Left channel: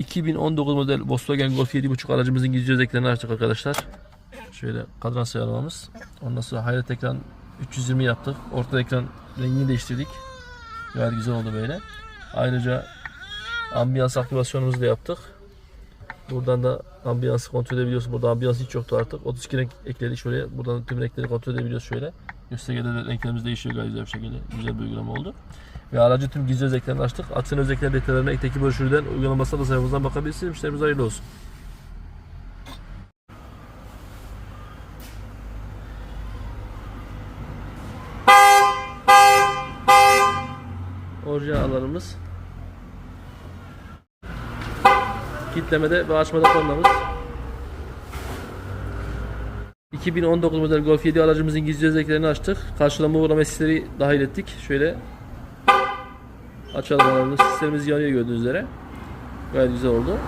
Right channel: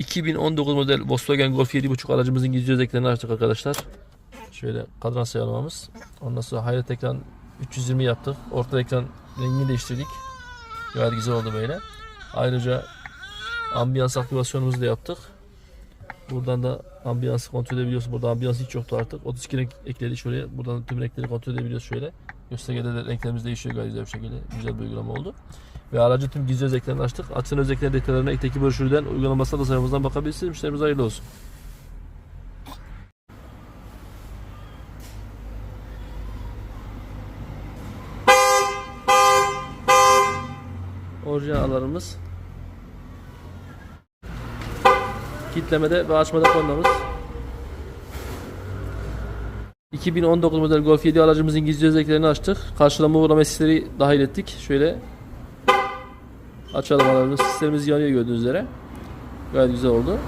2019 model Volkswagen Golf 7.5 aracımızın gizli özelliklerini açtık arkadaşlar. Şöyle kadran sıralamamız. Ondan sonra hayret ekran 320 yaptık. Orta ekran rengini değiştirdik. Gayet güzel oldu böyle. Ayrıca ambiyans aktivasyonumuzu da yaptık. Buradan da ambiyansı kontrol edebiliyoruz. Burada ambiyans hiç yoktu artık. 32 renk ekledik şöyle. Buradan tüm renkleri kontrol edebiliyoruz şöyle. Göstergede de renklerimiz değişiyor gayet güzel bir şekilde. Güzel bir uygulama oldu. Ve aracı tüm gizli özelliklerini açtık. Açın özellikler detaylarına ekteki broşürden uygulamasına da sayfamızdan bakabilirsiniz. Müşterimiz hayırlı olsun. Orijinallarımız kitlemede ve açmada koymamız 2019 model Golf 7 aracımızın gizli özelliklerini açtık. Karşılama uğrama sesleri dahil ettik. Şöyle açalım alarmı. Sistemimiz yanıyor gördüğünüz üzere. Gayet güzel oldu.